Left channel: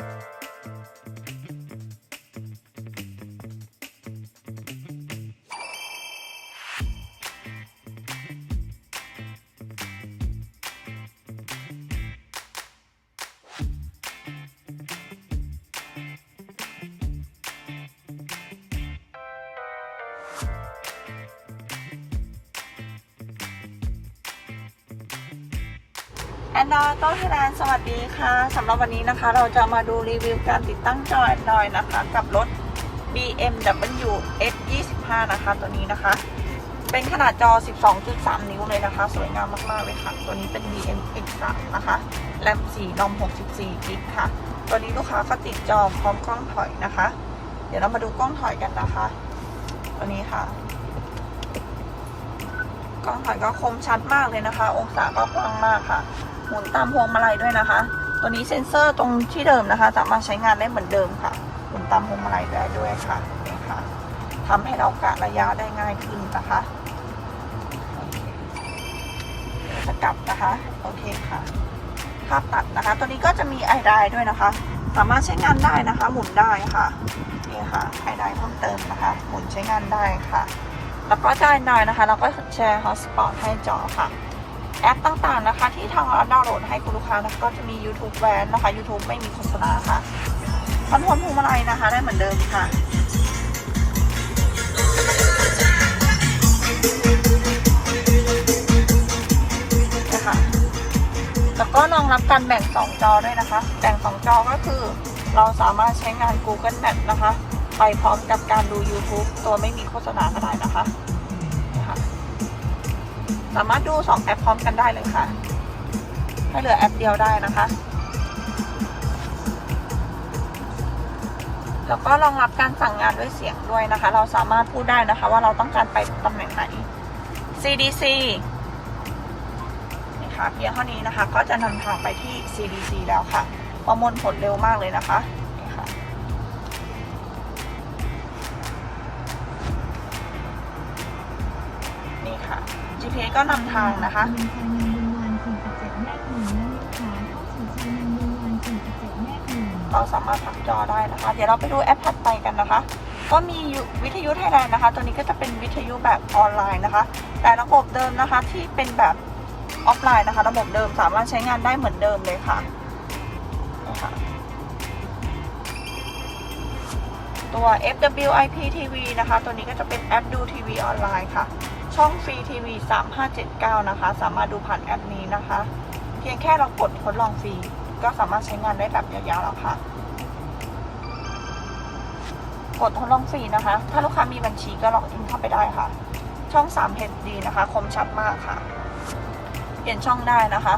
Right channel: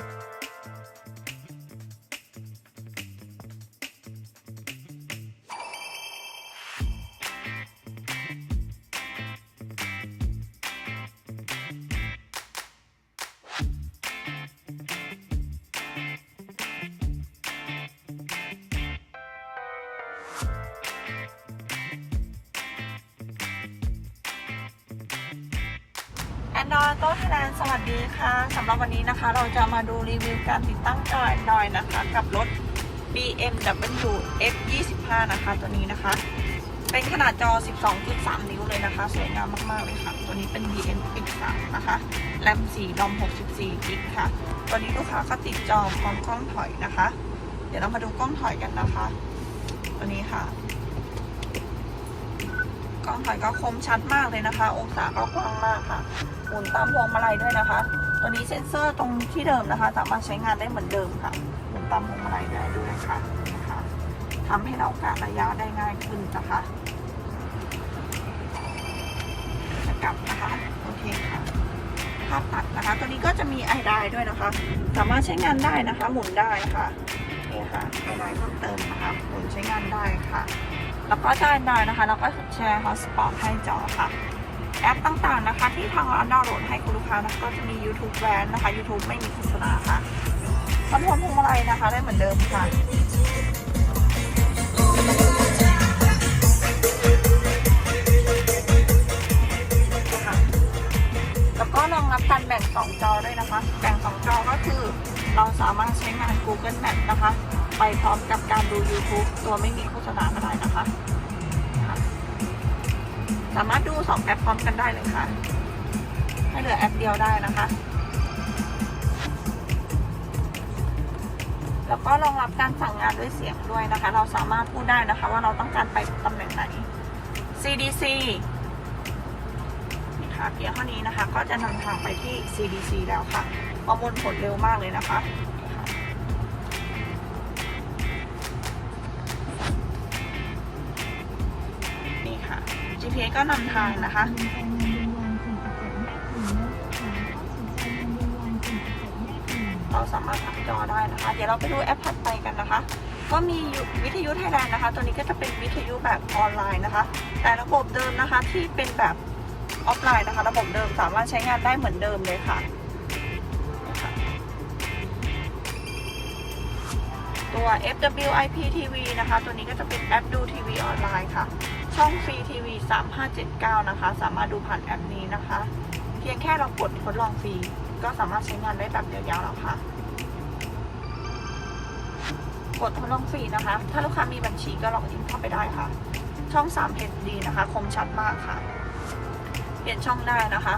you อนนอต้องแสดงสวัสดีค่ะสำหรับวันนี้นะคะ เราจะมาดูรีวิวการติดตั้งจอ Android นะคะ กับรถ BMW F25 นะคะ ตัวนี้นะคะ เป็นขนาดจอ 12.3 นิ้วเลยนะคะ สวยงามมากๆเลยค่ะ ตัวนี้เป็น BMX3 นะคะแรม4นอม64กิกค่ะ ตัวนี้ลูกค้าก็ติดจอพร้อมกล้องถอยนะคะ เดี๋ยวเรามาดูกล้องถอยกันนะคะ ตัวนี้ค่ะ กล้องถอยก็คมชัดมากเลยนะคะ องศาก็กว้างมากค่ะ หมุนตามพวงมาลัยด้วยนะคะ ตัวนี้เซ็นเซอร์ตรงที่เดิมนะคะ สามารถใช้งานได้เหมือนเดิมค่ะ หมุนตามพวงมาลัยได้ด้วยค่ะนี่ค่ะทำให้เรากะระยะได้ง่ายขึ้นนะคะสกับนะคะโอเคค่ะภาพตัดนะคะ ตัวนี้ก็จะมีไอไดด้วยนะคะ สามารถใช้งานได้นะคะ หมุนได้ค่ะนี่ค่ะไอไดเพิ่มเติมนะคะหมุนใช้งานได้ค่ะ แล้วก็ด้านในนะคะเราก็แชร์ฮอสปอตให้จอค่ะ แอปต่างๆนะคะ ที่ทางเราดาวน์โหลดให้คุณลูกค้านะคะก็จะมี YouTube แบนนะคะ YouTube ไม่มีโฆษณาค่ะคอนโทรลพวงมาลัยนะคะ ได้เหมือนเดิมค่ะนะคะแล้วก็รองรับการแบ่ง 2 จอด้วยนะคะ แบ่ง 2 จอก็คือ เราสามารถใช้งาน Google Map นะคะ ไปพร้อมกับการดู YouTube โดยไม่มีโฆษณาก็ได้นะคะ สามารถดู 2 แอปพร้อมกันได้เลยค่ะให้เหลือแอปเดียวได้นะคะ แล้วก็รองรับการสั่งงานด้วยเสียงด้วยนะคะ เราสามารถพูดได้นะคะ ว่าเราต้องการไปตำแหน่งไหน CDC นี่ค่ะเพียงเท่านี้นะคะ ก็จะนำทางไปที่ CDC แล้วค่ะ ประมวลผลเร็วมากเลยนะคะนี่ค่ะนี่ค่ะ GPS ก็นำทางนะคะเราสามารถทักจอได้นะคะ เดี๋ยวเราไปดูแอปถัดไปกันนะคะ ก็มีวิทยุไทยแลนด์นะคะ ตัวนี้ก็จะเป็นวิทยุแบบออนไลน์นะคะ แต่ระบบเดิมนะคะที่เป็นแบบออฟไลน์นะคะ ระบบเดิมสามารถใช้งานได้เหมือนเดิมเลยค่ะ FWIP TV นะคะ ตัวนี้ก็จะเป็นแอปดูทีวีออนไลน์ค่ะ ช่องฟรีทีวี3579 นะคะ สามารถดูผ่านแอปนี้นะคะ เพียงแค่เรากดทดลองฟรี ก็สามารถใช้งานได้แบบยาวๆแล้วค่ะ กดทดลองฟรีนะคะ ถ้าลูกค้ามีบัญชีก็ลอกอินเข้าไปได้ค่ะ ช่อง3 HD นะคะ คมชัดมากค่ะ เปลี่ยนช่องได้นะคะ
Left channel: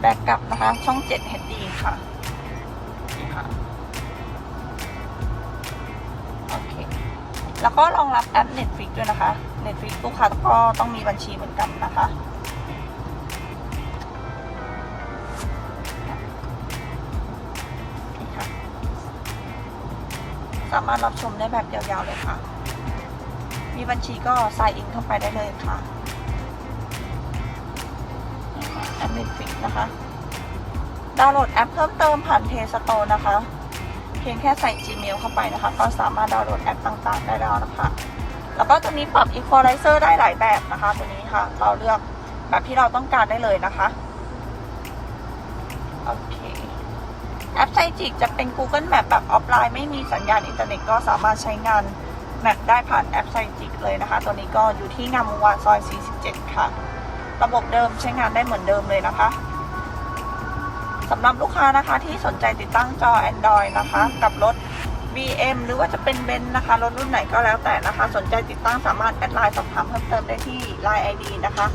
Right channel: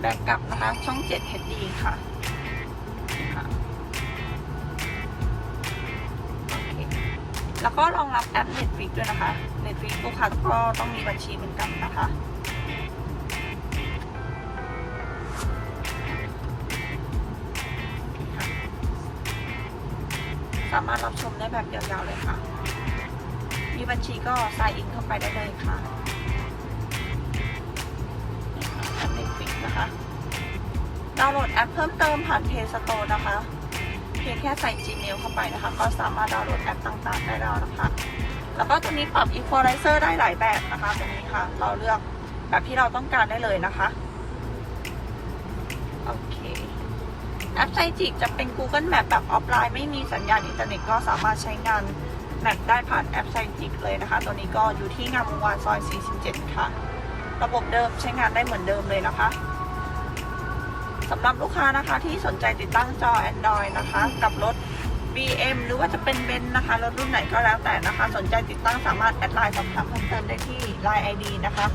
แบ็กกลับนะคะ ช่อง7 HD ค่ะ แล้วก็รองรับแอป Netflix ด้วยนะคะ Netflix ลูกค้าก็ต้องมีบัญชีเหมือนกันนะคะสามารถรับชมได้แบบยาวๆเลยค่ะ มีบัญชีก็ใส่อินเข้าไปได้เลยค่ะแอป Netflix นะคะ ดาวน์โหลดแอปเพิ่มเติมผ่าน Play Store นะคะ เพียงแค่ใส่ Gmail เข้าไปนะคะ ก็สามารถดาวน์โหลดแอปต่างๆ ได้แล้วนะคะ แล้วก็จะมีปรับ Equalizer ได้หลายแบบนะคะตรงนี้ค่ะ เราเลือกแบบที่เราต้องการได้เลยนะคะ โอเค แอปไซจิกจะเป็น Google Map แบบออฟไลน์ไม่มีสัญญาณอินเทอร์เน็ตก็สามารถใช้งานแมปได้ผ่านแอปไซจิกเลยนะคะ ตัวนี้ก็อยู่ที่งามวงศ์วานซอย 47 ค่ะ ระบบเดิมใช้งานได้เหมือนเดิมเลยนะคะ สำหรับลูกค้านะคะที่สนใจติดตั้งจอ Android นะคะ กับรถ BM หรือว่าจะเป็นเบนนะคะรถรุ่นไหนก็แล้วแต่นะคะ สนใจติดตั้งสามารถแอดไลน์สอบถามเพิ่มเติมได้ที่ Line ID นะคะ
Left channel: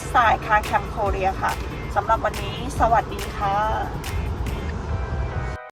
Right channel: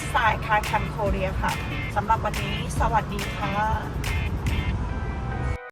s อ c a r c a m Korea ค่ะสำหรับวันนี้สวัสดีค่ะ